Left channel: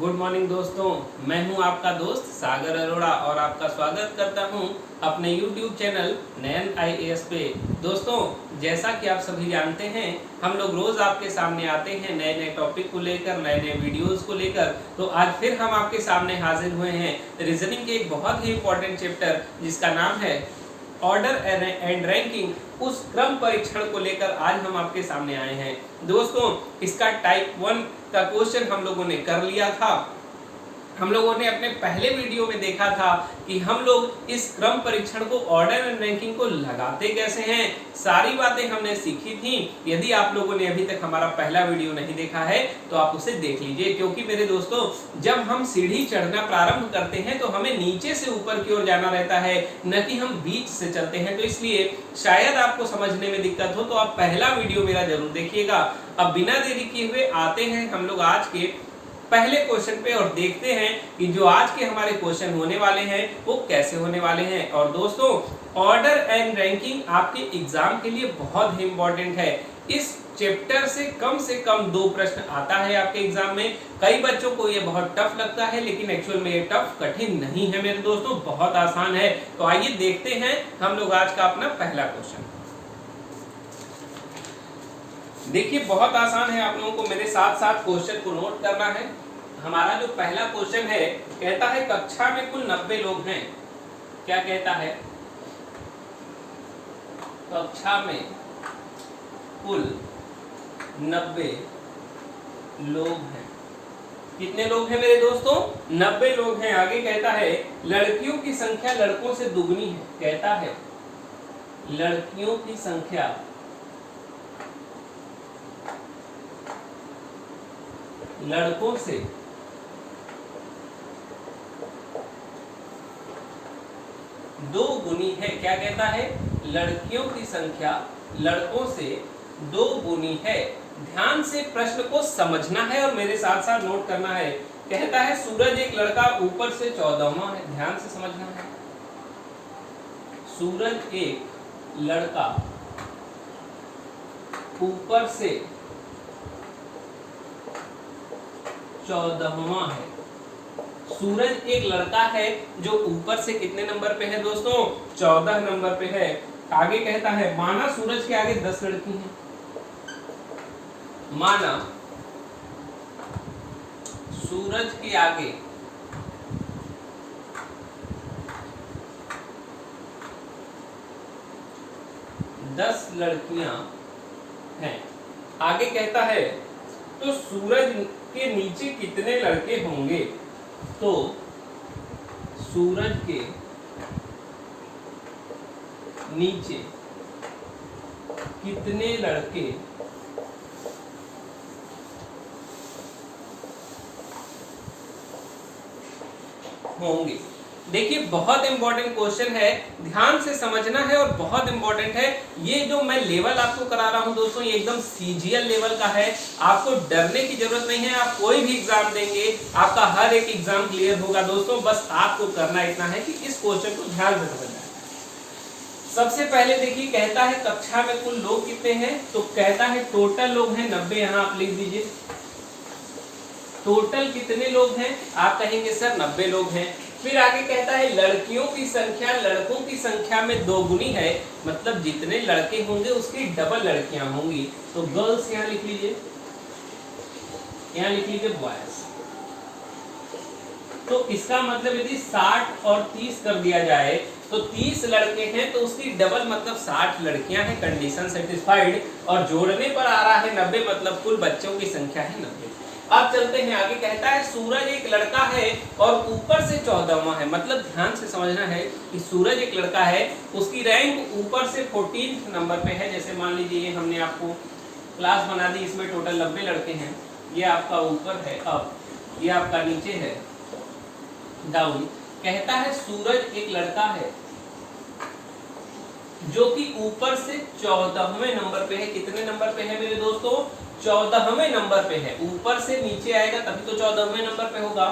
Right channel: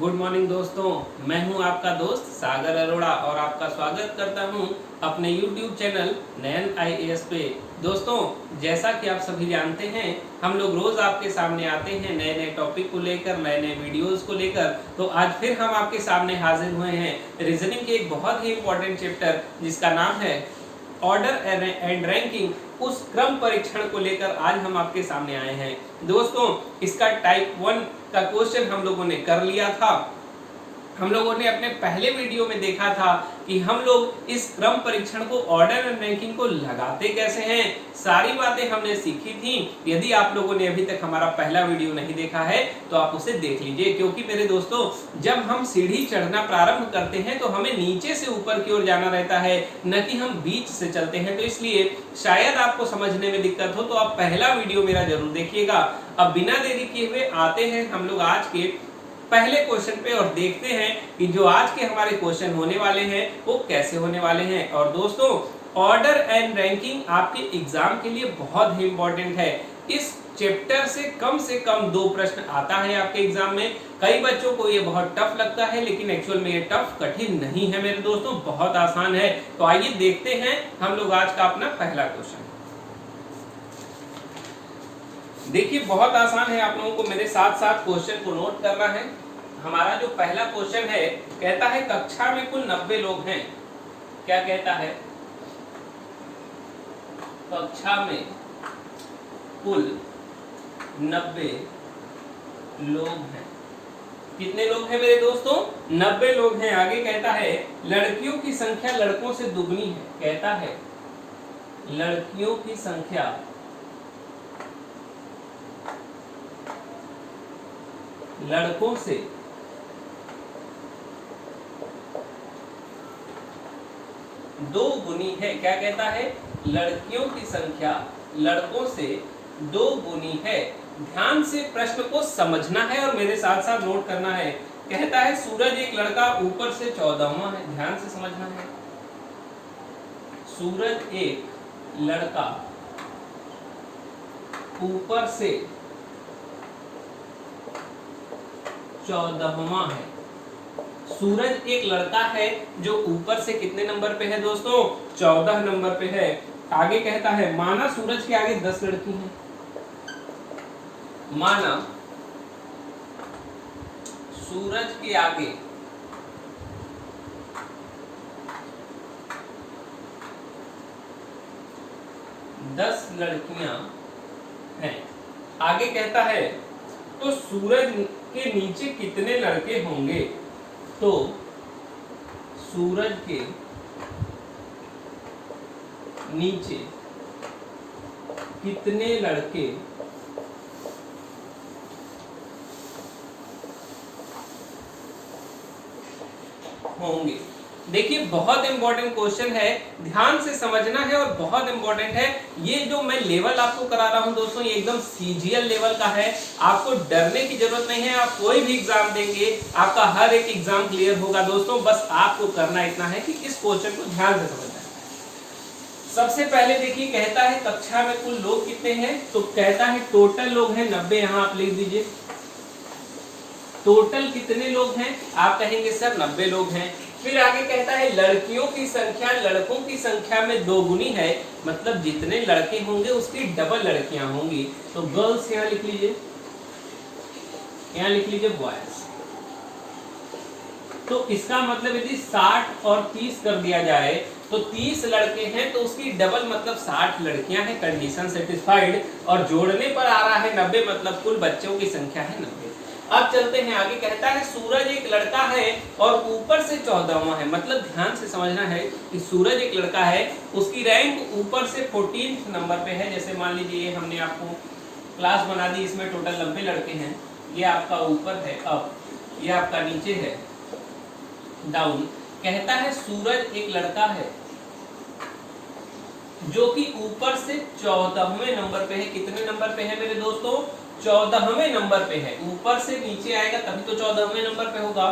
Good morning दोस्तों, मैं हूं आपका दोस्त सागर अरोड़ा और आपका स्वागत करता हूं अपने YouTube चैनल नयन IAS पे। दोस्तों, जैसा कि आप सभी जानते हैं, हम लोग रोज आपके सामने आते हैं नए नए टॉपिक को लेकर, नए नए वीडियोस को लेकर। तो आज फिर हम आपके सामने हाजिर हुए हैं रीजनिंग के एक बहुत ही इंपॉर्टेंट चैप्टर जिसका नाम है ऑर्डर एंड रैंकिंग, उस क्रम परीक्षण को लेकर आज हम आपके सामने आए हैं। दोस्तों, इसका टाइप 1 का क्वेश्चन हम लोगों ने कर लिया था। हम लोगों ने अपने पहले वीडियो में देखा था कि हम लोग इस क्रम परीक्षण को ऑर्डर एंड रैंकिंग को लगाते कैसे हैं, सारी बातें हमने सीखी थी। यदि आप लोगों ने अभी तक हमारा पहला वीडियो नहीं देखा है तो आप उसे देख लीजिए, क्योंकि मेरे दोस्तों, जब हम सीढ़ी चढ़ना प्रारंभ करते हैं तो हमें नीचे से ऊपर की ओर जाना रहता है, न कि हम बीच से चलते हैं। तो इसलिए शायद आपको समझने में दिक्कत हो तो आप पहला वीडियो मेरा जरूर देखिएगा। अब बिना देरी किए हुए आते हैं हम लोग आज के पहले क्वेश्चन पे और देखते हैं कि जो आज के हमारे क्वेश्चन होने वाले हैं वो कैसे होने वाले हैं। और दोस्तों, ऑर्डर एंड रैंकिंग आपके एग्जाम के लिए बहुत ही इंपॉर्टेंट है। इस चैप्टर से कम 2 प्रश्न आता है आपके एग्जाम में। कई बच्चों को ये बहुत टफ लगता है, लेकिन एक्चुअल में ये टफ कठिन नहीं है मेरे दोस्तों, बहुत आसान है। तो आइए देखते हैं हम लोग आज का अपना पहला क्वेश्चन। देखिए, बहुत आसान है, आप लोगों को मेरे साथ साथ क्वेश्चन को नोट करना है। हमारा जो पहला क्वेश्चन है, कहता है कक्षा में कुल 90 लोग हैं। क्या कहता है? कक्षा में कुल 90 लोग हैं। कितने लोग हैं मेरे दोस्तों? 90 लोग हैं। आगे कहता है लड़कियों की संख्या लड़कों से दुगनी है। कहता है लड़कियों की संख्या लड़कों से दो गुनी है। क्या कहता है? लड़कियों की संख्या लड़कों से 2 गुनी है। ध्यान से प्रश्न को समझना है और मेरे साथ साथ नोट करना है। कहता है सूरज एक लड़का ऊपर से 14वां है। ध्यान से समझना है। सूरज एक लड़का ऊपर से 14वां है। सूरज एक लड़का है जो ऊपर से कितने नंबर पे है दोस्तों? 14 नंबर पे है। आगे कहता है माना सूरज के आगे 10 लड़की हैं। माना सूरज के आगे 10 लड़कियां हैं। आगे कहता है तो सूरज के नीचे कितने लड़के होंगे? तो सूरज के नीचे कितने लड़के होंगे? देखिए, बहुत इंपॉर्टेंट क्वेश्चन है, ध्यान से समझना है और बहुत इंपॉर्टेंट है। ये जो मैं लेवल आपको करा रहा हूं दोस्तों, ये एकदम सीजीएल लेवल का है। आपको डरने की जरूरत नहीं है। आप कोई भी एग्जाम देंगे, आपका हर एक एग्जाम क्लियर होगा दोस्तों। बस आपको करना इतना है कि इस क्वेश्चन को ध्यान से समझना है। सबसे पहले देखिए, कहता है कक्षा में कुल लोग कितने हैं? तो कहता है टोटल लोग हैं 90। यहां आप लिख दीजिए टोटल कितने लोग हैं। आप कहेंगे सर 90 लोग हैं। फिर आगे कहता है लड़कियों की संख्या लड़कों की संख्या में 2 गुनी है, मतलब जितने लड़के होंगे उसकी डबल लड़कियां होंगी। तो गर्ल्स यहां लिख लीजिए, यहां लिख लीजिए बॉयज। तो इसका मतलब यदि 60 और 30 कर दिया जाए तो 30 लड़के हैं तो उसकी डबल मतलब 60 लड़कियां हैं। Condition satisfied. और जोड़ने पर आ रहा है 90, मतलब कुल बच्चों की संख्या है 90। अब चलते हैं आगे। कहता है सूरज एक लड़का है और ऊपर से 14वां है। मतलब ध्यान से समझना है कि सूरज एक लड़का है, उसकी रैंक ऊपर से 14 नंबर पे है। जैसे मान लीजिए हमने आपको क्लास बना दी, इसमें टोटल 90 लड़के हैं। ये आपका ऊपर है अप, ये आपका नीचे है डाउन। कहता है सूरज एक लड़का है जो कि ऊपर से 14वें नंबर पे है। कितने नंबर पे है मेरे दोस्तों? 14वें नंबर पे है। ऊपर से नीचे आएगा तभी तो 14वें नंबर पे होगा।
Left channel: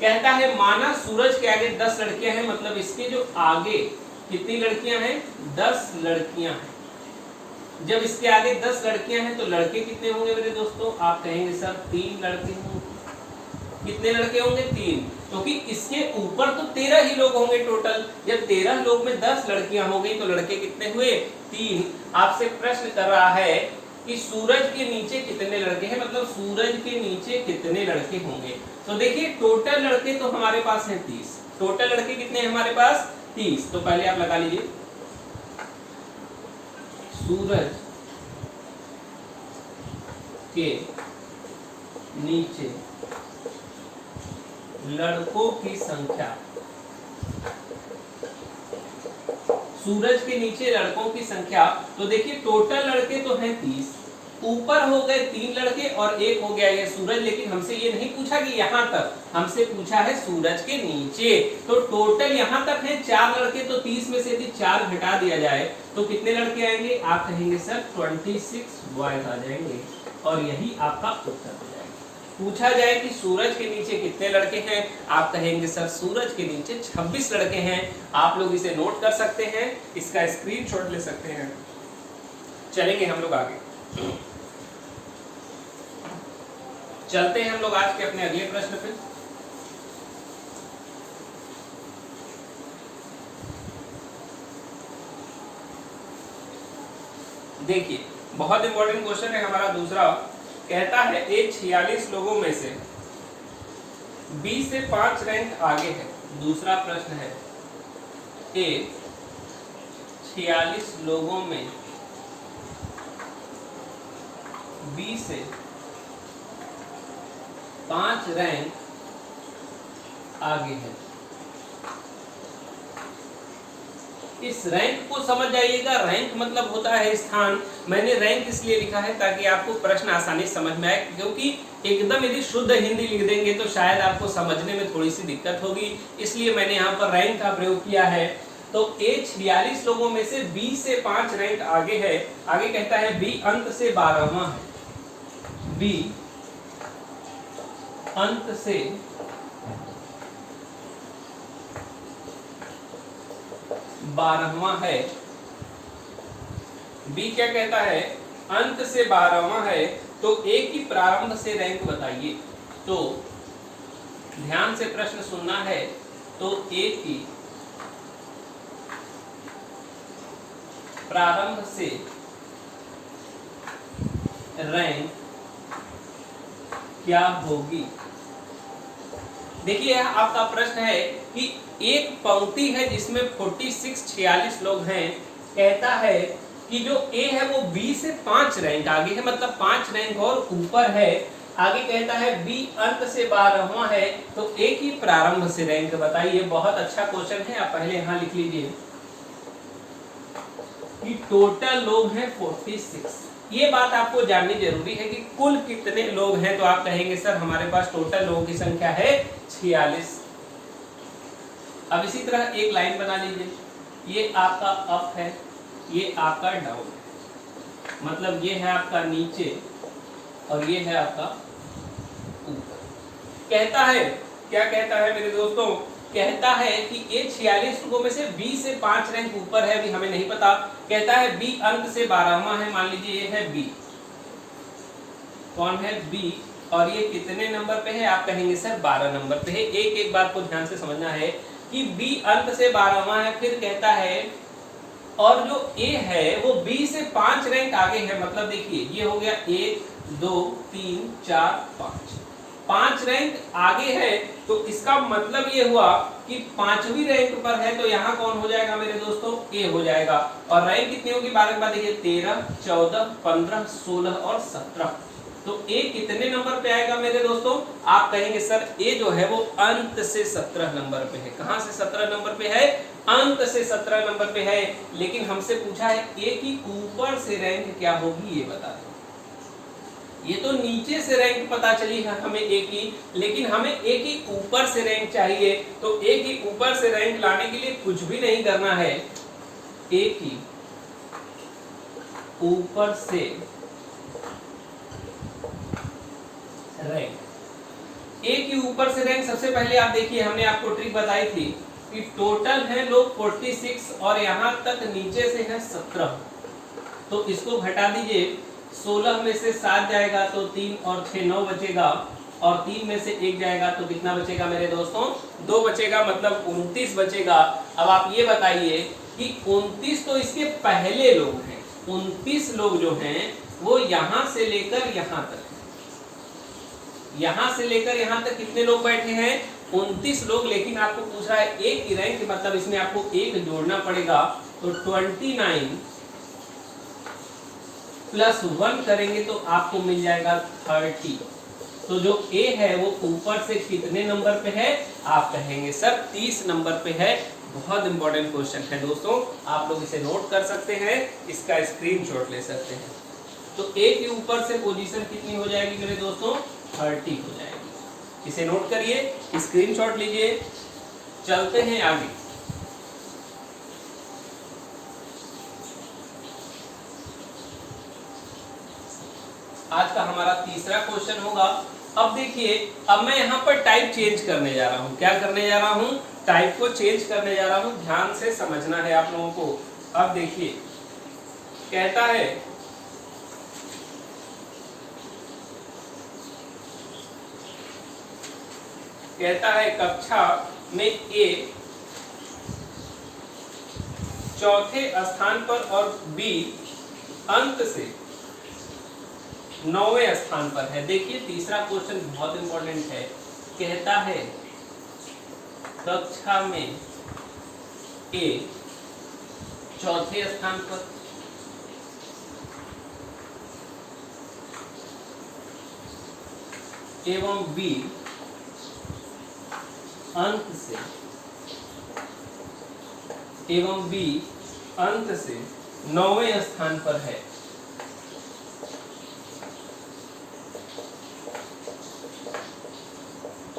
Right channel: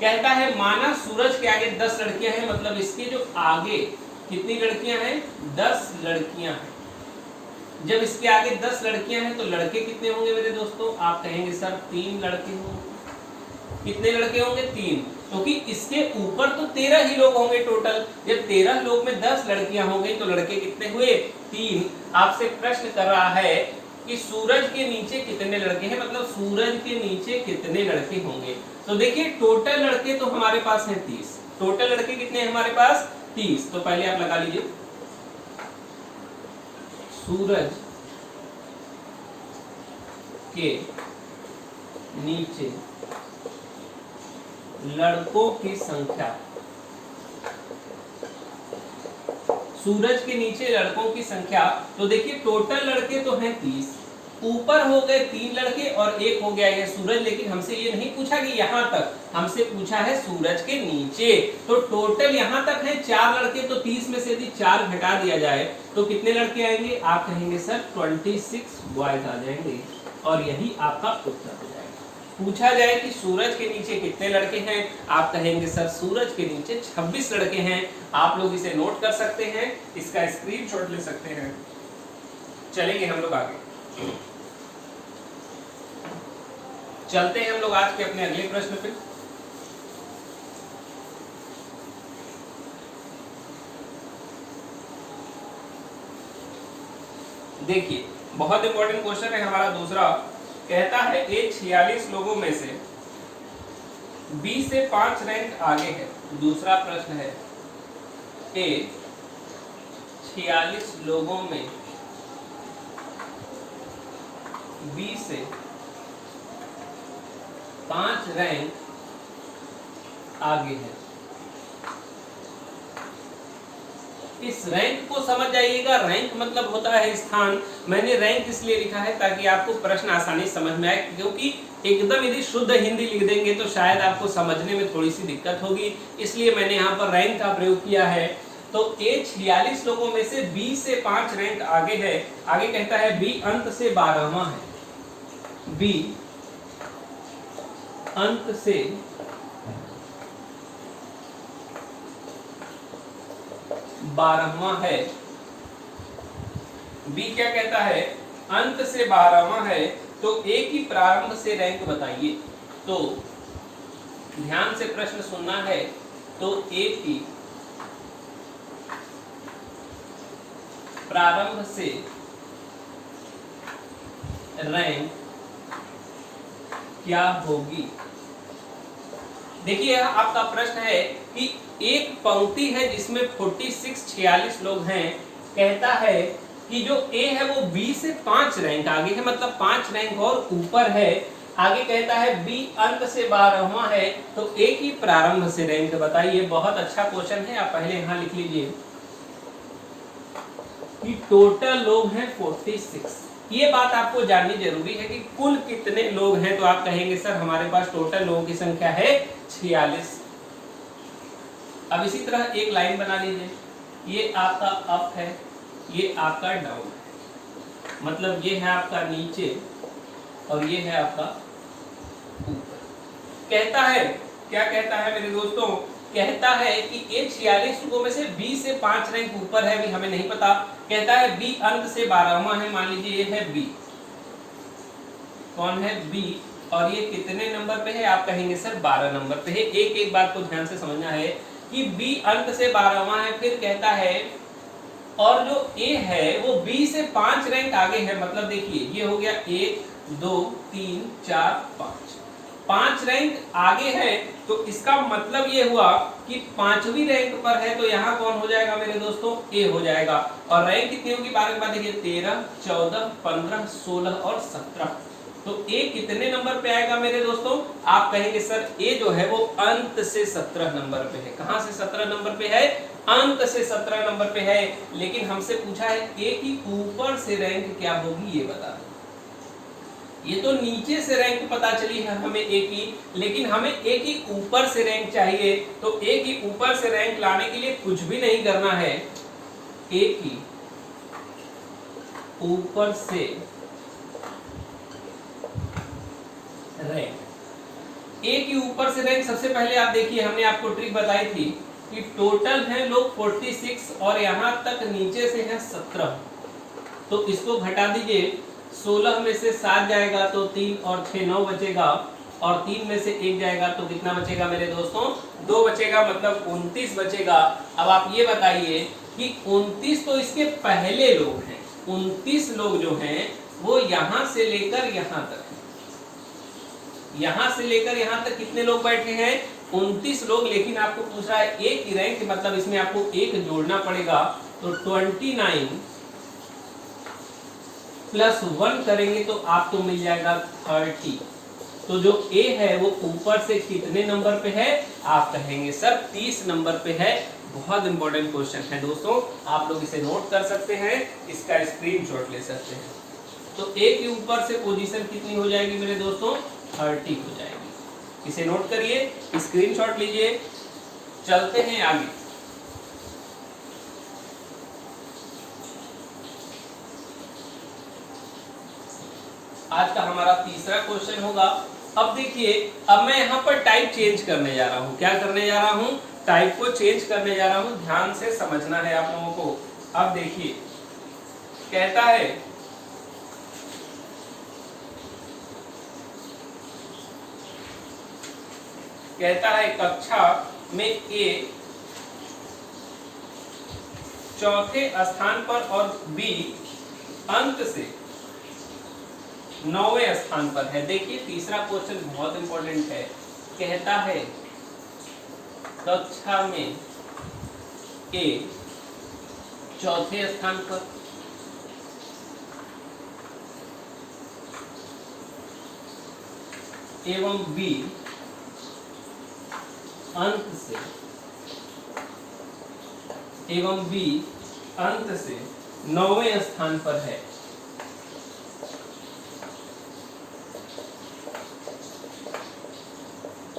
कहता है माना सूरज के आगे 10 लड़कियां हैं, मतलब इसके जो आगे कितनी लड़कियां हैं? 10 लड़कियां हैं। जब इसके आगे 10 लड़कियां हैं तो लड़के कितने होंगे मेरे दोस्तों? आप कहेंगे सर 3 लड़के होंगे। कितने लड़के होंगे 3, क्योंकि इसके ऊपर तो 13 ही लोग होंगे टोटल। जब 13 लोग में 10 लड़कियां हो गई तो लड़के कितने हुए 3। आपसे प्रश्न कर रहा है कि सूरज के नीचे कितने लड़के हैं, मतलब सूरज के नीचे कितने लड़के होंगे। तो देखिए टोटल लड़के तो हमारे पास हैं 30। टोटल लड़के कितने हैं हमारे पास 30। तो पहले आप लगा लीजिए सूरज के नीचे लड़कों की संख्या, सूरज के नीचे लड़कों की संख्या। तो देखिए टोटल लड़के तो हैं 30, ऊपर हो गए 3 लड़के और एक हो गया ये सूरज। लेकिन हमसे ये नहीं पूछा कि यहाँ तक, हमसे पूछा है सूरज के नीचे। तो टोटल यहाँ तक है 4 लड़के। तो 30 में से यदि 4 घटा दिया जाए तो कितने लड़के आएंगे, आप कहेंगे सर 26 बॉयज आ जाएंगे। और यही आपका उत्तर हो जाएगा। पूछा जाए कि सूरज के नीचे कितने लड़के हैं, आप कहेंगे सर सूरज के नीचे 26 लड़के हैं। आप लोग इसे नोट कर सकते हैं, इसका स्क्रीनशॉट ले सकते हैं। चलेंगे हम लोग आगे, चलते हैं हम लोग आज के अपने अगले प्रश्न पे। देखिए बहुत इंपॉर्टेंट क्वेश्चन है हमारा दूसरा। कहता है ए 46 लोगों में से बी से 5 रैंक आगे है। दूसरा प्रश्न है ए 46 लोगों में बी से 5 रैंक आगे है। इस रैंक को समझ जाइएगा, रैंक मतलब होता है स्थान। मैंने रैंक इसलिए लिखा है ताकि आपको प्रश्न आसानी समझ में आए, क्योंकि एकदम यदि शुद्ध हिंदी लिख देंगे तो शायद आपको समझने में थोड़ी सी दिक्कत होगी, इसलिए मैंने यहाँ पर रैंक का प्रयोग किया है। तो ए 46 लोगों में से बी से 5 रैंक आगे है। आगे कहता है बी अंत से 12वां है। बी अंत से 12वां है। बी क्या कहता है, अंत से 12वां है। तो ए की प्रारंभ से रैंक बताइए। तो ध्यान से प्रश्न सुनना है। तो ए की प्रारंभ से रैंक क्या होगी। देखिए आपका प्रश्न है कि एक पंक्ति है जिसमें 46 लोग हैं। कहता है कि जो ए है वो बी से 5 रैंक आगे है, मतलब 5 रैंक और ऊपर है। आगे कहता है बी अंत से 12वां है। तो ए की प्रारंभ से रैंक बताइए। बहुत अच्छा क्वेश्चन है, आप पहले यहां लिख लीजिए कि टोटल लोग हैं 46। ये बात आपको जाननी जरूरी है कि कुल कितने लोग हैं। तो आप कहेंगे सर हमारे पास टोटल लोगों की संख्या है 46। अब इसी तरह एक लाइन बना लीजिए, ये आपका अप है, ये आपका डाउन है, मतलब ये है आपका नीचे और ये है आपका ऊपर। कहता है, क्या कहता है मेरे दोस्तों, कहता है कि ए 46 लोगों में से बी से 5 रैंक ऊपर है, अभी हमें नहीं पता। कहता है बी अंत से 12वां है, मान लीजिए ये है बी। कौन है, बी। और ये कितने नंबर पे है, आप कहेंगे सर 12 नंबर पे है। एक एक बात को ध्यान से समझना है कि बी अंत से 12वां है। फिर कहता है और जो ए है वो बी से 5 रैंक आगे है, मतलब देखिए ये हो गया 1 2 3 4 5, 5 रैंक आगे है। तो इसका मतलब ये हुआ कि 5वीं रैंक पर है। तो यहाँ कौन हो जाएगा मेरे दोस्तों, ए हो जाएगा। और रैंक कितनी होगी, 12 के बाद देखिए 13 14 15 16 और 17। तो ए कितने नंबर पे आएगा मेरे दोस्तों, आप कहेंगे सर ए जो है वो अंत से 17 नंबर पे है। कहां से 17 नंबर पे है, अंत से 17 नंबर पे है। लेकिन हमसे पूछा है ए की ऊपर से रैंक क्या होगी, ये बता दो। ये तो नीचे से रैंक पता चली है हमें ए की, लेकिन हमें ए की ऊपर से रैंक चाहिए। तो ए की ऊपर से रैंक लाने के लिए कुछ भी नहीं करना है। ए की ऊपर से रैंक, ए की ऊपर से रैंक, सबसे पहले आप देखिए हमने आपको ट्रिक बताई थी कि टोटल है लोग 46 और यहां तक नीचे से है 17। तो इसको घटा दीजिए, 16 में से 7 जाएगा तो 3 और 6 9 बचेगा। और 3 में से 1 जाएगा तो कितना बचेगा मेरे दोस्तों? 2 बचेगा, मतलब 29 बचेगा। अब आप ये बताइए कि 29 तो इसके पहले लोग हैं, 29 लोग जो हैं वो यहां से लेकर यहां तक, यहां से लेकर यहां तक कितने लोग बैठे हैं? 29 लोग। लेकिन आपको पूछ रहा है एक की रैंक, मतलब इसमें आपको एक जोड़ना पड़ेगा। तो 29 प्लस 1 करेंगे तो आपको मिल जाएगा 30। तो जो ए है वो ऊपर से कितने नंबर पे है? आप कहेंगे सर 30 नंबर पे है। बहुत इंपॉर्टेंट क्वेश्चन है दोस्तों, आप लोग इसे नोट कर सकते हैं, इसका स्क्रीनशॉट ले सकते हैं। तो ए के ऊपर से पोजीशन कितनी हो जाएगी मेरे दोस्तों? 30 हो जाएगी। इसे नोट करिए, स्क्रीनशॉट लीजिए, चलते हैं आगे। आज का हमारा तीसरा क्वेश्चन होगा। अब देखिए, अब मैं यहाँ पर टाइप चेंज करने जा रहा हूँ। क्या करने जा रहा हूँ? टाइप को चेंज करने जा रहा हूँ। ध्यान से समझना है आप लोगों को। अब देखिए, कहता है कक्षा में ए चौथे स्थान पर और बी अंक से 9वें स्थान पर है। देखिए तीसरा क्वेश्चन बहुत इंपॉर्टेंट है। कहता है कक्षा में ए चौथे स्थान पर एवं बी अंक से 9वें स्थान पर है।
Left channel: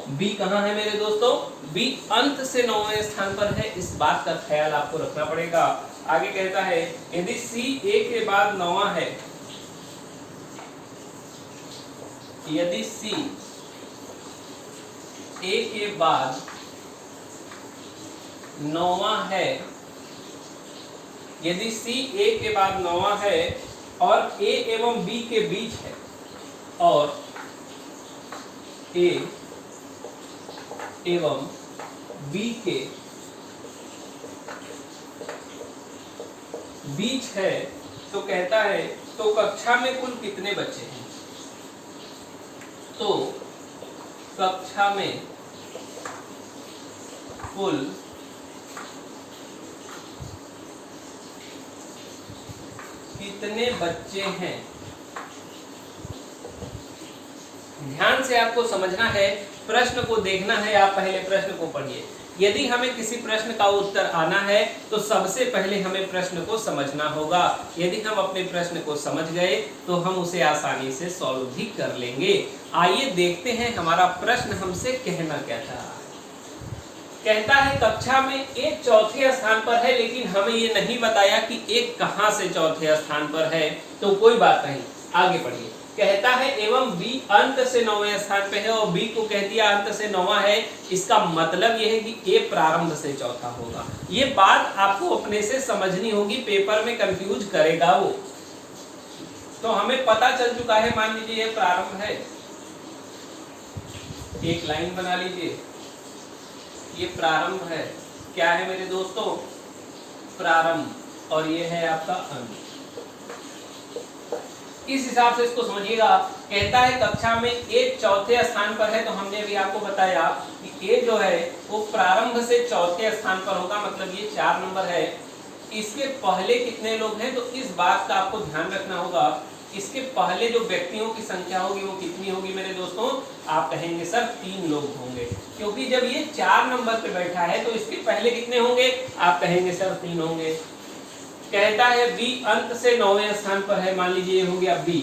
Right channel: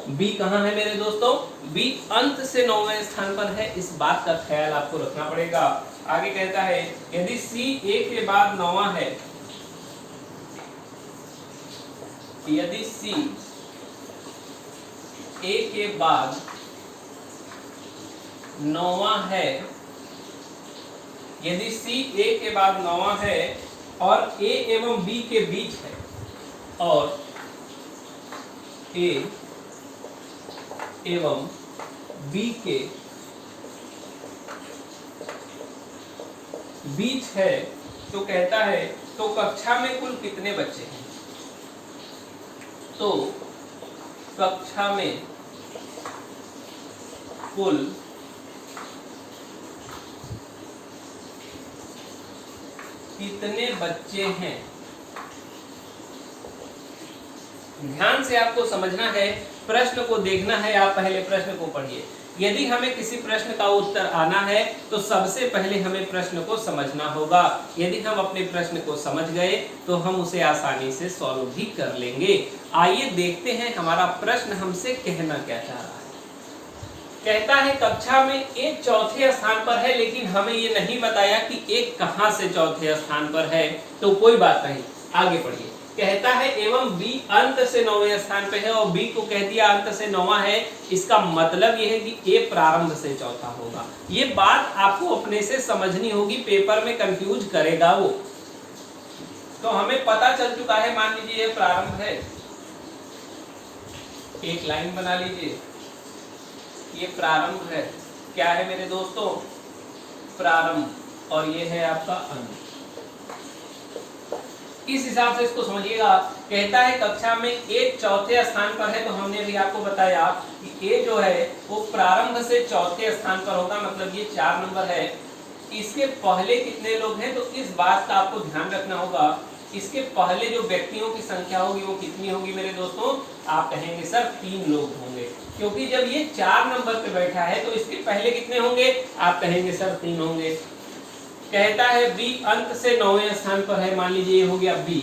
बी कहाँ है मेरे दोस्तों? बी अंत से 9वें स्थान पर है। इस बात का ख्याल आपको रखना पड़ेगा। आगे कहता है यदि सी ए के बाद 9वां है, यदि सी ए के बाद 9वां है, यदि सी ए के बाद 9वां है और ए एवं बी के बीच है, और ए एवं बी के बीच है, तो कहता है तो कक्षा में कुल कितने बच्चे हैं? तो कक्षा में कुल कितने बच्चे हैं? ध्यान से आपको समझना है, प्रश्न को देखना है। आप पहले प्रश्न को पढ़िए। यदि हमें किसी प्रश्न का उत्तर आना है तो सबसे पहले हमें प्रश्न को समझना होगा। यदि हम अपने प्रश्न को समझ गए तो हम उसे आसानी से सॉल्व भी कर लेंगे। आइए देखते हैं हमारा प्रश्न हमसे कहना क्या चाह रहा है। कहता है कक्षा में एक चौथे स्थान पर है, लेकिन हमें ये नहीं बताया कि एक कहां से चौथे स्थान पर है। तो कोई बात नहीं, आगे पढ़िए। कहता है एवं बी अंत से 9वें स्थान पे है, और बी को कह दिया अंत से 9वां है। इसका मतलब यह है कि ए प्रारंभ से चौथा होगा। ये बात आपको अपने से समझनी होगी, पेपर में कंफ्यूज करेगा वो। तो हमें पता चल चुका है, मान लीजिए ये प्रारंभ है, एक लाइन बना लीजिए, ये प्रारंभ है। क्या है मेरे दोस्तों? प्रारंभ, और ये है आपका अंत। इस हिसाब से इसको समझिएगा। कहता है कक्षा में ए चौथे स्थान पर है, तो हमने अभी आपको बताया कि ए जो है वो प्रारंभ से चौथे स्थान पर होगा, मतलब ये 4 नंबर है। इसके पहले कितने लोग हैं? तो इस बात का आपको ध्यान रखना होगा। इसके पहले जो व्यक्तियों की संख्या होगी वो कितनी होगी मेरे दोस्तों? आप कहेंगे सर 3 लोग होंगे, क्योंकि जब ये 4 नंबर पे बैठा है तो इसके पहले कितने होंगे? आप कहेंगे सर 3 होंगे। कहता है बी अंत से 9वें स्थान पर है, मान लीजिए ये हो गया बी,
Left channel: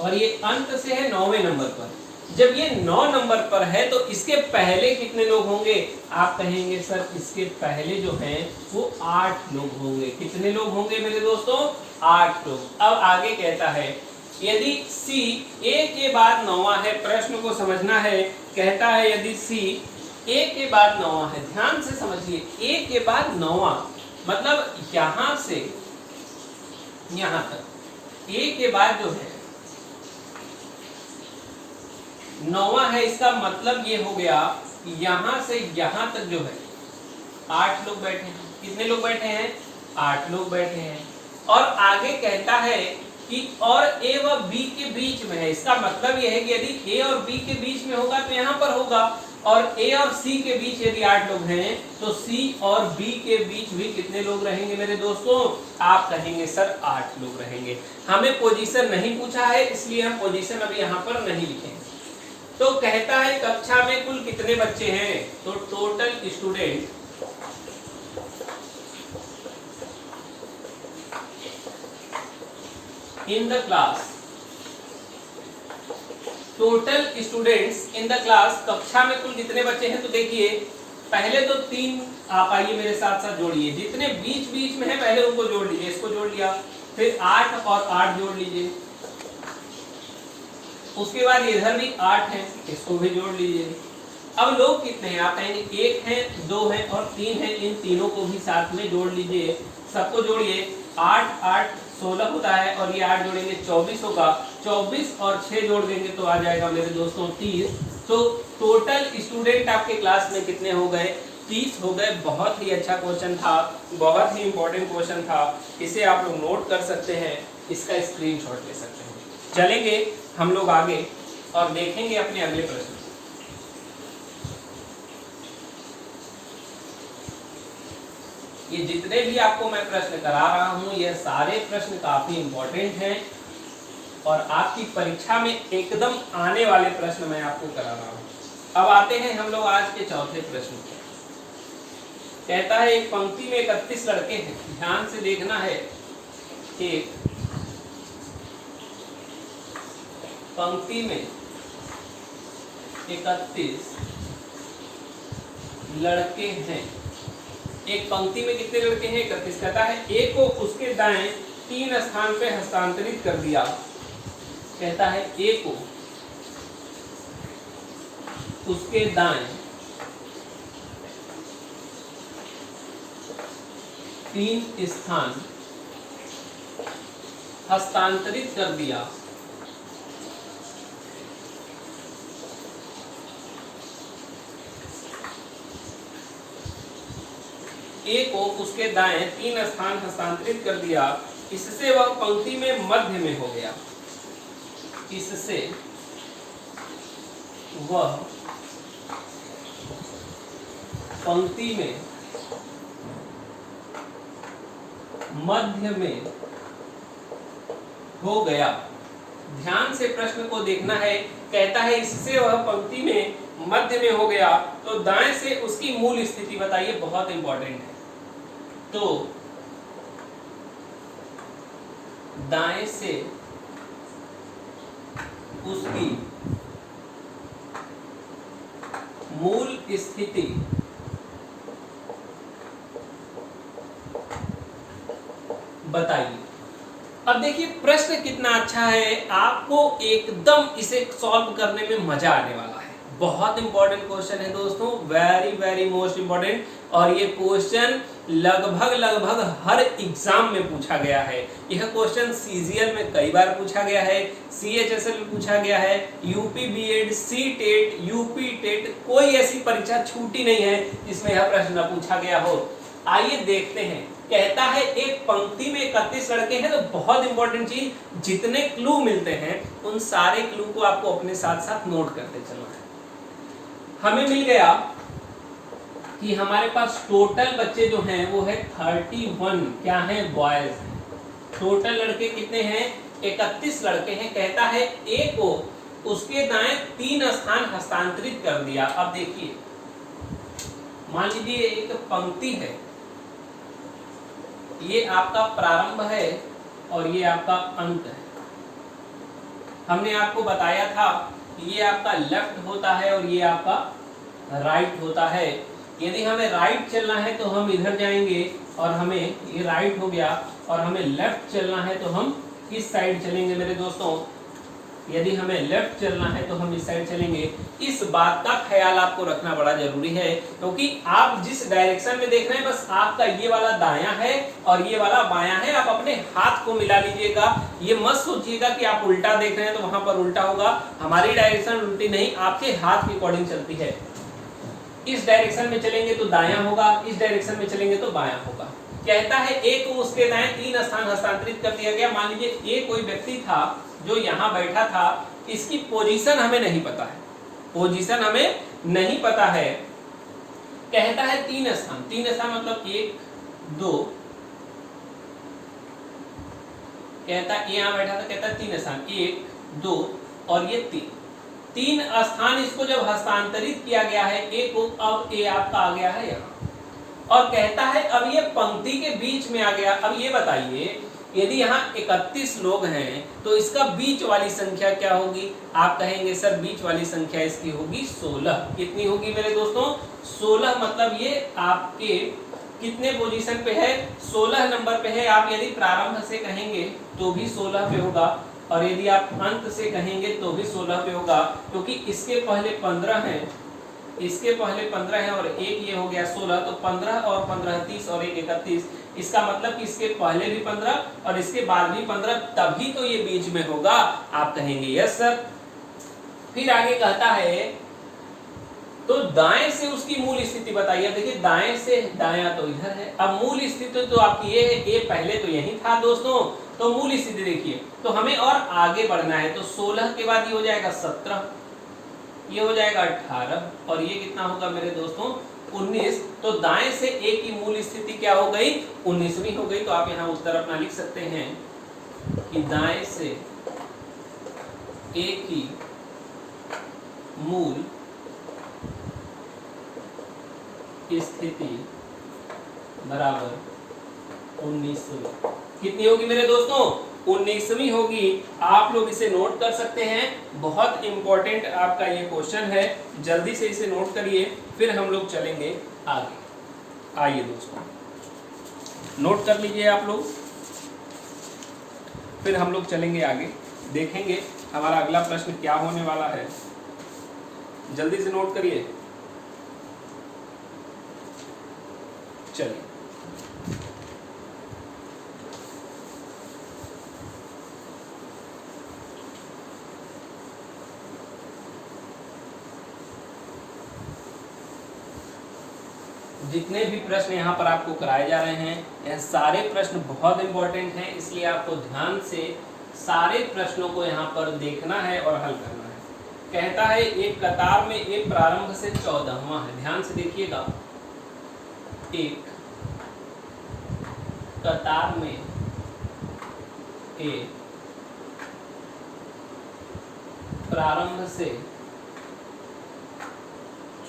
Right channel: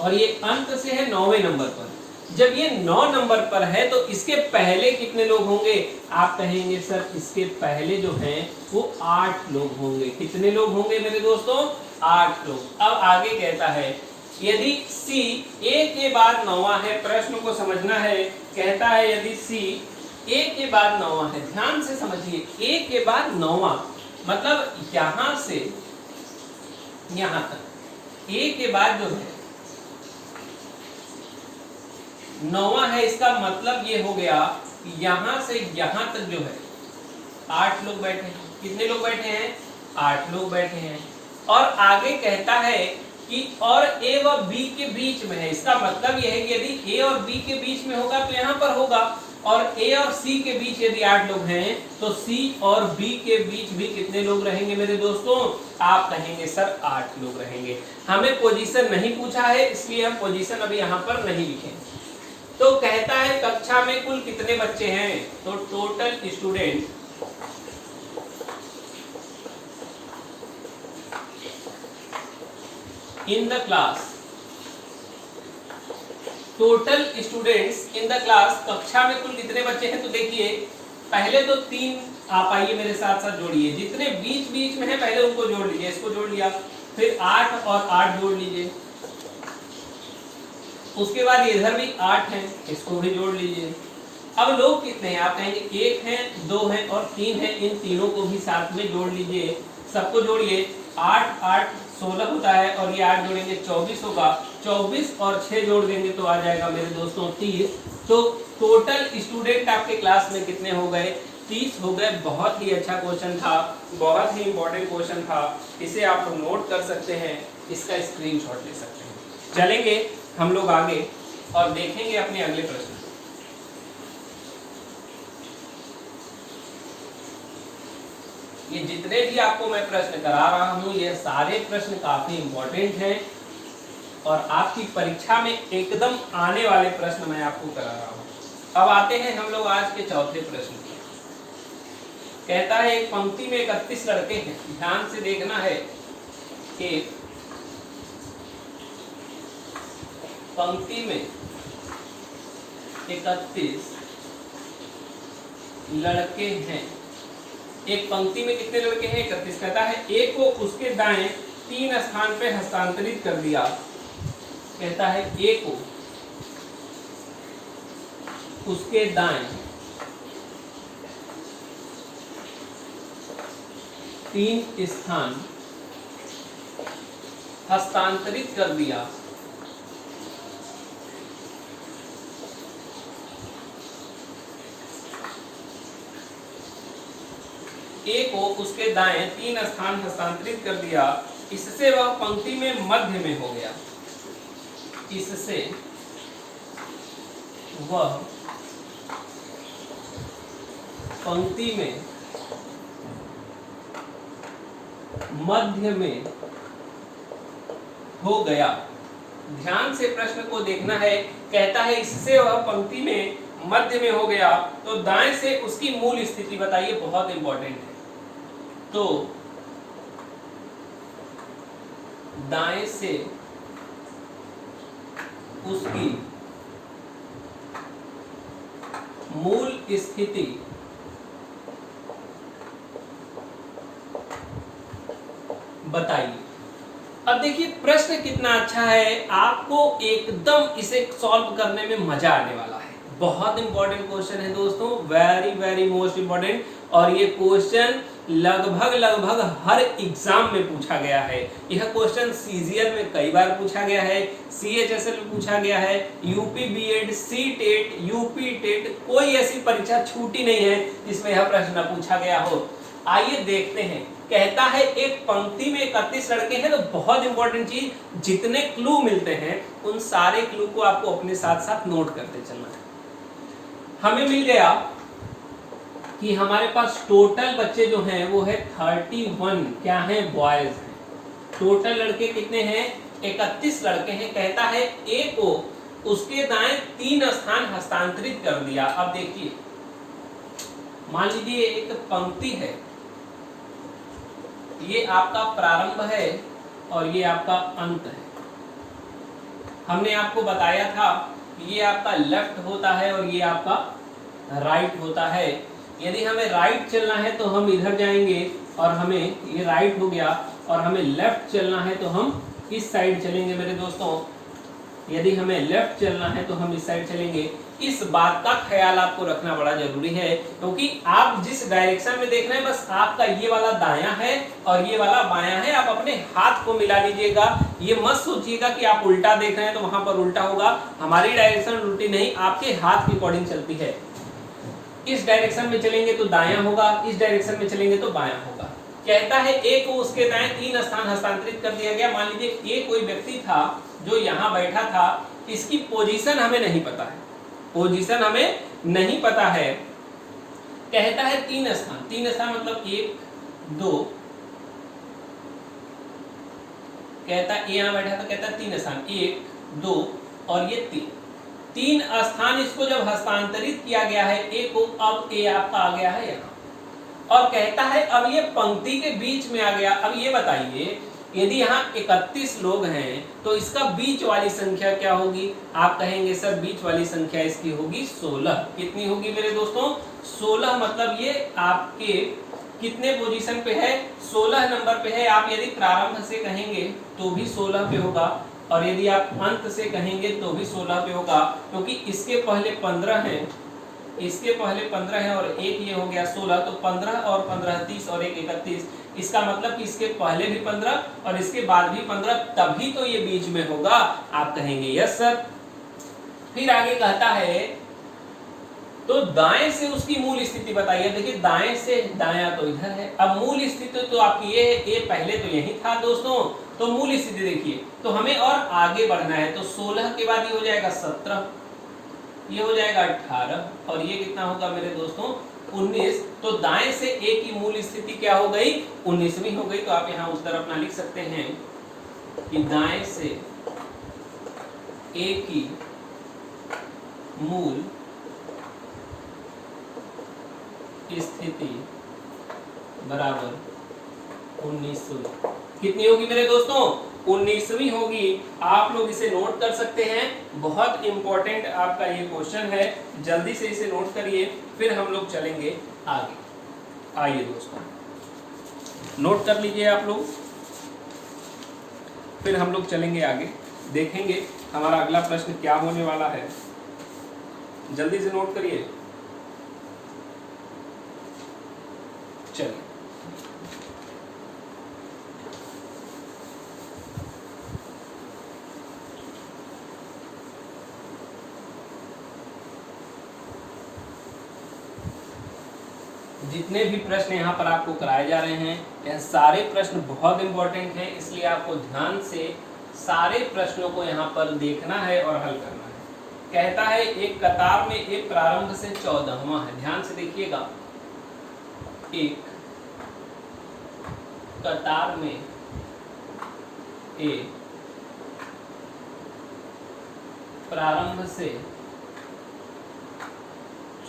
और ये अंत से है 9वें नंबर पर। जब ये 9 नंबर पर है तो इसके पहले कितने लोग होंगे? आप कहेंगे सर इसके पहले जो है वो 8 लोग होंगे। कितने लोग होंगे मेरे दोस्तों? 8 लोग। अब आगे कहता है यदि सी ए के बाद 9वां है, प्रश्न को समझना है। कहता है यदि सी ए के बाद 9वां है, ध्यान से समझिए, ए के बाद 9वां मतलब यहां से यहां तक, ए के बाद जो है 9वां है, इसका मतलब ये हो गया यहां से यहां तक जो है 8 लोग बैठे हैं। कितने लोग बैठे हैं? 8 लोग बैठे हैं। और आगे कहता है कि और ए व बी के बीच में है। इसका मतलब यह है कि यदि ए और बी के बीच में होगा तो यहां पर होगा, और ए और सी के बीच यदि 8 लोग हैं तो सी और बी के बीच भी कितने लोग रहेंगे मेरे दोस्तों? आप कहेंगे सर 8 लोग रहेंगे। हमें पोजीशन नहीं पूछा है, इसलिए हम पोजीशन अभी यहां पर नहीं लिखेंगे। तो कहता है कक्षा में कुल कितने बच्चे हैं? तो total student in the class, total students in the class, कक्षा में कुल कितने बच्चे हैं? तो देखिए पहले तो 3 आप आइए मेरे साथ साथ जोड़िए, जितने बीच बीच में है पहले उनको जोड़ लीजिए। इसको जोड़ लिया, फिर 8 और 8 जोड़ लीजिए, उसके बाद इधर भी 8 है, इसको भी जोड़ लीजिए। अब लोग कितने हैं? आप कहेंगे 1 है, 2 है और 3 है, इन तीनों को भी साथ में जोड़ लीजिए, सबको जोड़िए। 8 8 16 होता है और ये 8 जोड़ेंगे 24 होगा। 24 और 6 जोड़ देंगे तो आ जाएगा मेरे दोस्तों 30। तो टोटल स्टूडेंट आपके क्लास में कितने हो गए? 30 हो गए। बहुत ही अच्छा क्वेश्चन था, बहुत ही इंपॉर्टेंट क्वेश्चन था। इसे आप लोग नोट कर सकते हैं, इसका स्क्रीनशॉट ले सकते हैं। चलेंगे हम लोग आगे और देखेंगे अपने अगले प्रश्न। ये जितने भी आपको मैं प्रश्न करा रहा हूं, ये सारे प्रश्न काफी इंपॉर्टेंट हैं और आपकी परीक्षा में एकदम आने वाले प्रश्न मैं आपको करा रहा हूं। अब आते हैं हम लोग आज के चौथे प्रश्न पर। कहता है एक पंक्ति में 31 लड़के हैं। ध्यान से देखना है, एक पंक्ति में 31 लड़के हैं। एक पंक्ति में कितने लड़के हैं? 31। कहता है ए को उसके दाएं 3 स्थान पे हस्तांतरित कर दिया। कहता है ए को उसके दाएं 3 स्थान हस्तांतरित कर दिया। ए को उसके दाएं 3 स्थान हस्तांतरित कर दिया, इससे वह पंक्ति में मध्य में हो गया। इससे वह पंक्ति में मध्य में हो गया। ध्यान से प्रश्न को देखना है। कहता है इससे वह पंक्ति में मध्य में हो गया, तो दाएं से उसकी मूल स्थिति बताइए, बहुत इंपॉर्टेंट है। तो दाएं से उसकी मूल स्थिति बताइए। अब देखिए प्रश्न कितना अच्छा है, आपको एकदम इसे सॉल्व करने में मजा आने वाला है। बहुत इंपॉर्टेंट क्वेश्चन है दोस्तों, वेरी वेरी मोस्ट इंपॉर्टेंट। और ये क्वेश्चन लगभग हर एग्जाम में पूछा गया है। यह क्वेश्चन सीजीएल में कई बार पूछा गया है, सीएचएसएल में पूछा गया है, UP BEd, C TET, UP TET, कोई ऐसी परीक्षा छूटी नहीं है जिसमें यह प्रश्न पूछा गया हो। आइए देखते हैं। कहता है एक पंक्ति में 31 लड़के हैं, तो बहुत इंपॉर्टेंट चीज, जितने क्लू मिलते हैं उन सारे क्लू को आपको अपने साथ साथ नोट करते चलना है। हमें मिल गया कि हमारे पास टोटल बच्चे जो हैं वो है 31, क्या है? बॉयज हैं। टोटल लड़के कितने हैं? 31 लड़के हैं। कहता है ए को उसके दाएं 3 स्थान हस्तांतरित कर दिया। अब देखिए, मान लीजिए एक पंक्ति है, ये आपका प्रारंभ है और ये आपका अंत है। हमने आपको बताया था ये आपका लेफ्ट होता है और ये आपका राइट होता है। यदि हमें राइट चलना है तो हम इधर जाएंगे और हमें ये राइट हो गया, और हमें लेफ्ट चलना है तो हम इस साइड चलेंगे मेरे दोस्तों। यदि हमें लेफ्ट चलना है तो हम इस साइड चलेंगे। इस बात का ख्याल आपको रखना बड़ा जरूरी है, क्योंकि आप जिस डायरेक्शन में देख रहे हैं बस आपका ये वाला दायां है और ये वाला बायां है। आप अपने हाथ को मिला लीजिएगा, ये मत सोचिएगा कि आप उल्टा देख रहे हैं तो वहां पर उल्टा होगा। हमारी डायरेक्शन उल्टी नहीं, आपके हाथ के अकॉर्डिंग चलती है। इस डायरेक्शन में चलेंगे तो दायां होगा, इस डायरेक्शन में चलेंगे तो बायां होगा। कहता है ए को उसके दाएं 3 स्थान हस्तांतरित कर दिया गया। मान लीजिए ए कोई व्यक्ति था जो यहाँ बैठा था, इसकी पोजीशन हमें नहीं पता है, पोजीशन हमें नहीं पता है। कहता है 3 स्थान, 3 स्थान मतलब 1 2, कहता है यहाँ बैठा था, कहता है 3 स्थान 1 2 और ये 3 स्थान इसको जब हस्तांतरित किया गया है ए को, अब ए आपका आ गया है यहाँ और कहता है अब ये पंक्ति के बीच में आ गया। अब ये बताइए यदि यहाँ 31 लोग हैं तो इसका बीच वाली संख्या क्या होगी? आप कहेंगे सर बीच वाली संख्या इसकी होगी 16। कितनी होगी मेरे दोस्तों? 16। मतलब ये आपके कितने पोजीशन पे है? 16 नंबर पे है। आप यदि प्रारंभ से कहेंगे तो भी 16 पे होगा और यदि आप अंत से कहेंगे तो भी 16 पे होगा, क्योंकि इसके पहले 15 हैं, इसके पहले 15 है और एक ये हो गया 16, तो 15 और 15 30 और एक 31। इसका मतलब कि इसके पहले भी 15 और इसके बाद भी 15, तभी तो ये बीच में होगा। आप कहेंगे यस सर। फिर आगे कहता है तो दाएं से उसकी मूल स्थिति बताइए। देखिए दाएं से दायां तो इधर है, अब मूल स्थिति तो आपकी ये है, ए पहले तो यही था दोस्तों, तो मूल स्थिति देखिए तो हमें और आगे बढ़ना है। तो 16 के बाद ये हो जाएगा 17, ये हो जाएगा 18 और ये कितना होगा मेरे दोस्तों? 19। तो दाएं से ए की मूल स्थिति क्या हो गई? 19वीं हो गई। तो आप यहाँ उत्तर अपना लिख सकते हैं कि दाएं से ए की मूल स्थिति बराबर 19वीं। कितनी होगी मेरे दोस्तों? 19वीं होगी। आप लोग इसे नोट कर सकते हैं, बहुत इंपॉर्टेंट आपका ये क्वेश्चन है, जल्दी से इसे नोट करिए, फिर हम लोग चलेंगे आगे। आइए दोस्तों नोट कर लीजिए आप लोग, फिर हम लोग चलेंगे आगे, देखेंगे हमारा अगला प्रश्न क्या होने वाला है। जल्दी से नोट करिए। चलिए जितने भी प्रश्न यहाँ पर आपको कराए जा रहे हैं, यह सारे प्रश्न बहुत इंपॉर्टेंट हैं, इसलिए आपको ध्यान से सारे प्रश्नों को यहाँ पर देखना है और हल करना है। कहता है एक कतार में एक प्रारंभ से 14वां है। ध्यान से देखिएगा, एक कतार में एक प्रारंभ से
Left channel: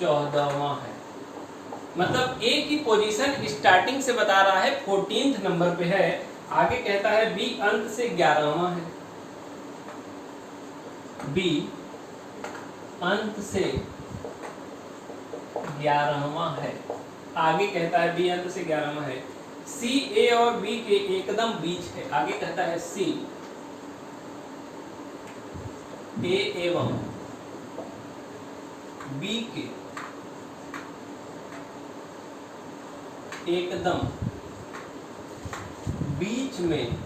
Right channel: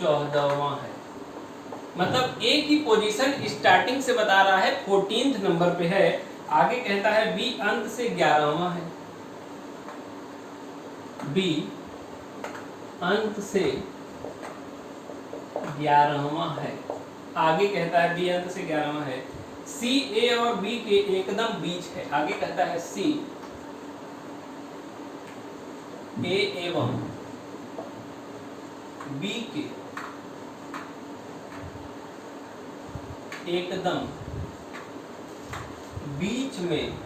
14वां है, मतलब ए की पोजीशन स्टार्टिंग से बता रहा है 14th नंबर पे है। आगे कहता है बी अंत से 11वां है, बी अंत से 11वां है। आगे कहता है बी अंत से 11वां है। सी ए और बी के एकदम बीच है। आगे कहता है सी ए एवं बी के एकदम बीच में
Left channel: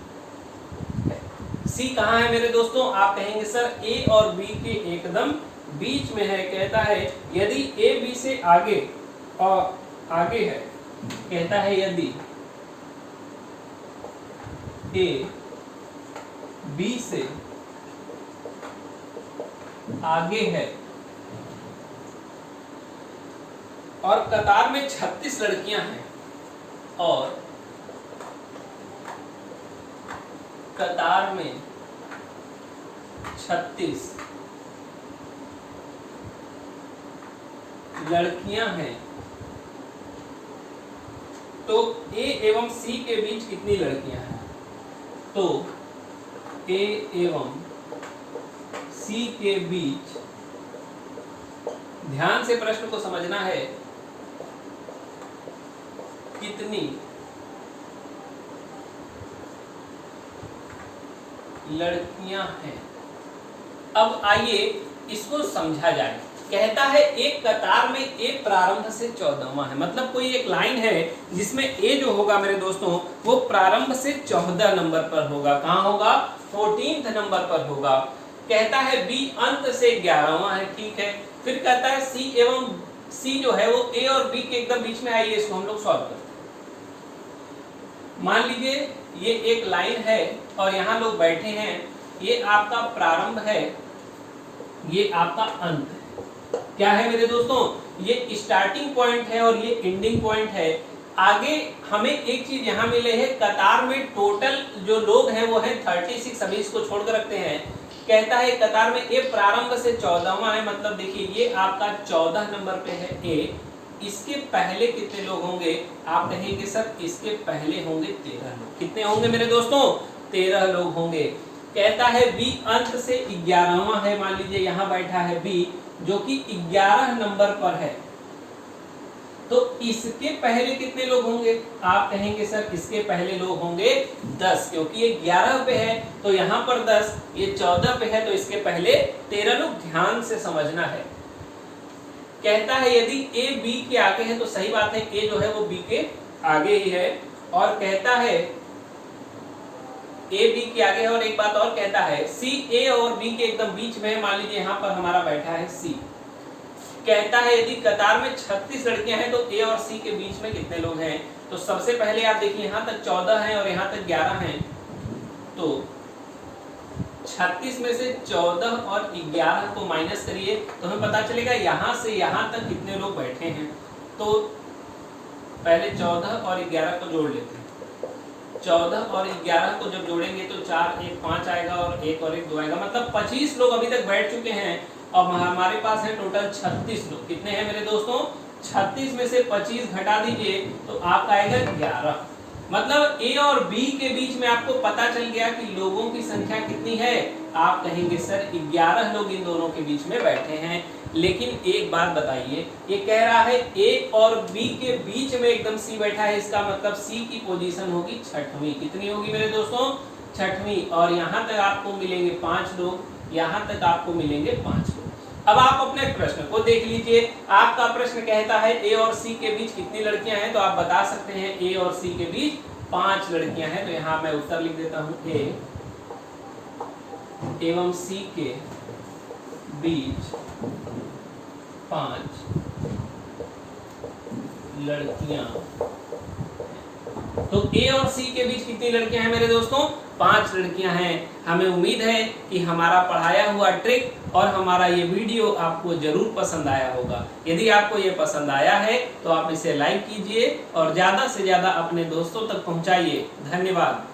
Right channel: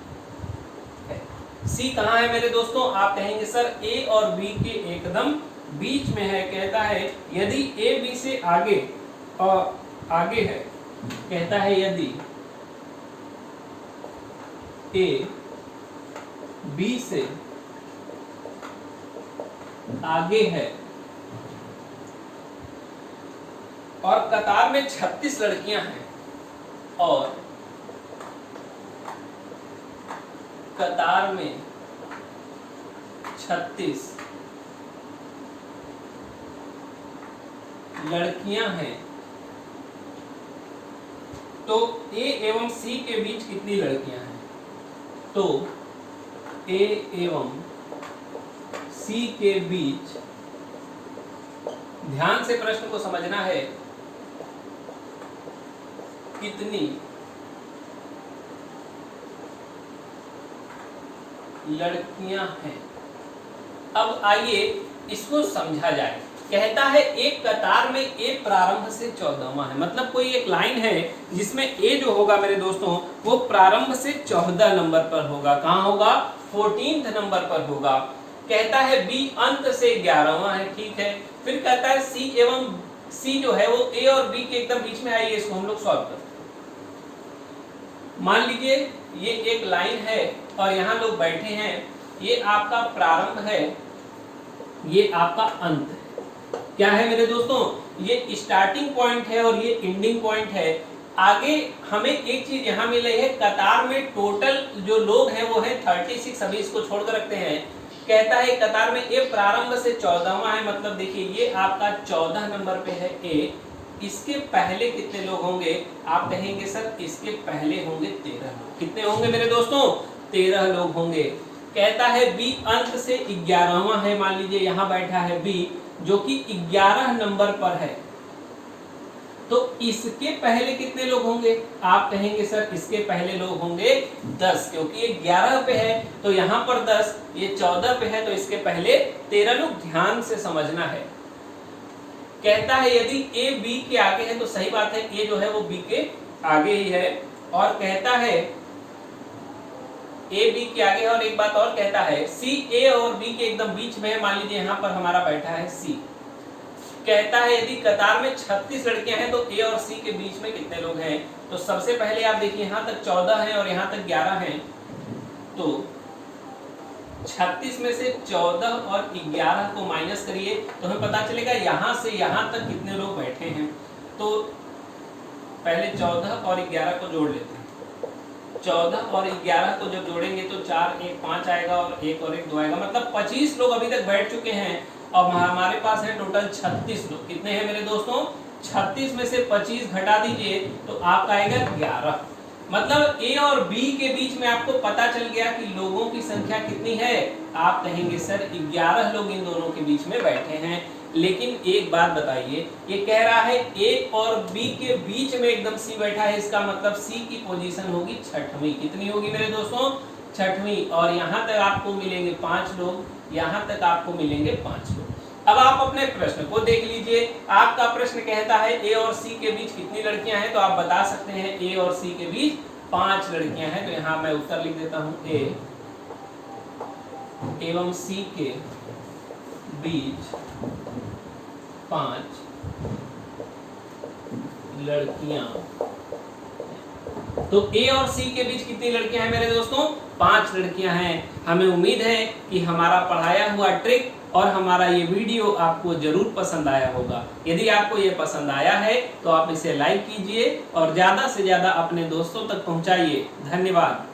है। सी कहाँ है मेरे दोस्तों? आप कहेंगे सर ए और बी के एकदम बीच में है। कहता है यदि ए बी से आगे और आगे है, कहता है यदि ए बी से आगे है और कतार में 36 लड़कियां हैं और कतार में 36 लड़कियां हैं, तो ए एवं सी के बीच कितनी लड़कियां हैं? तो ए एवं सी के बीच, ध्यान से प्रश्न को समझना है, कितनी लड़कियां हैं? अब आइए इसको समझा जाए। कहता है एक कतार में ए प्रारंभ से 14वां है, मतलब कोई एक लाइन है जिसमें ए जो होगा मेरे दोस्तों वो प्रारंभ से 14 नंबर पर होगा। कहां होगा? 14th नंबर पर होगा। कहता है बी अंत से 11वां है, ठीक है। फिर कहता है सी एवं सी जो है वो ए और बी के एकदम बीच में। आइए इसको हम लोग सॉल्व करते हैं। मान लीजिए ये एक लाइन है और यहाँ लोग बैठे हैं, ये आपका प्रारंभ है, ये आपका अंत है। क्या है मेरे दोस्तों? ये स्टार्टिंग पॉइंट है और ये एंडिंग पॉइंट है। आगे हमें एक चीज यहाँ मिले है, कतार में टोटल जो लोग हैं वो है 36। अभी इसको छोड़कर रखते हैं। कहता है कतार में ए प्रारंभ से 14वां है, मतलब देखिए ये आपका 14 नंबर पे है ए। इसके पहले कितने लोग होंगे? आप कहेंगे सर इसके पहले होंगे 13 लोग। कितने होंगे मेरे दोस्तों? 13 लोग होंगे। कहता है बी अंत से 11वां है, मान लीजिए यहाँ बैठा है बी जो कि 11 नंबर पर है, तो इसके पहले कितने लोग होंगे? आप कहेंगे सर इसके पहले लोग होंगे 10, क्योंकि ये 11 पे है तो यहाँ पर 10, ये 14 पे है तो इसके पहले 13 लोग। ध्यान से समझना है। कहता है यदि ए बी के आगे है तो सही बात है, ए जो है वो बी के आगे ही है। और कहता है ए बी के आगे है, और एक बात और कहता है सी ए और बी के एकदम बीच में है। मान लीजिए यहाँ पर हमारा बैठा है सी। कहता है यदि कतार में 36 लड़कियां हैं तो ए और सी के बीच में कितने लोग हैं? तो सबसे पहले आप देखिए यहाँ तक 14 हैं और यहाँ तक 11 हैं, तो 36 में से 14 और 11 को माइनस करिए तो हमें पता चलेगा यहाँ से यहाँ तक कितने लोग बैठे हैं। तो पहले 14 और 11 को जोड़ लेते हैं। 14 और 11 को जब जोड़ेंगे तो 4 1 5 आएगा और 1 और 1 2 आएगा, मतलब 25 लोग अभी तक बैठ चुके हैं। और हमारे पास है टोटल 36 लोग। कितने हैं मेरे दोस्तों? 36 में से 25 घटा दीजिए तो आपका आएगा 11। मतलब ए और बी के बीच में आपको पता चल गया कि लोगों की संख्या कितनी है। आप कहेंगे सर 11 लोग इन दोनों के बीच में बैठे हैं। लेकिन एक बात बताइए, ये कह रहा है ए और बी के बीच में एकदम सी बैठा है, इसका मतलब सी की पोजीशन होगी 6वीं। कितनी होगी मेरे दोस्तों? 6वीं। और यहाँ तक आपको मिलेंगे 5 लोग, यहाँ तक आपको मिलेंगे 5 लोग। अब आप अपने प्रश्न को देख लीजिए। आपका प्रश्न कहता है ए और सी के बीच कितनी लड़कियां हैं, तो आप बता सकते हैं ए और सी के बीच 5 लड़कियां हैं। तो यहाँ मैं उत्तर लिख देता हूं, ए एवं सी के बीच 5 लड़कियां। तो ए और सी के बीच कितनी लड़कियां हैं मेरे दोस्तों? 5 लड़कियां हैं। हमें उम्मीद है कि हमारा पढ़ाया हुआ ट्रिक और हमारा ये वीडियो आपको जरूर पसंद आया होगा। यदि आपको ये पसंद आया है तो आप इसे लाइक कीजिए और ज्यादा से ज्यादा अपने दोस्तों तक पहुंचाइए। धन्यवाद।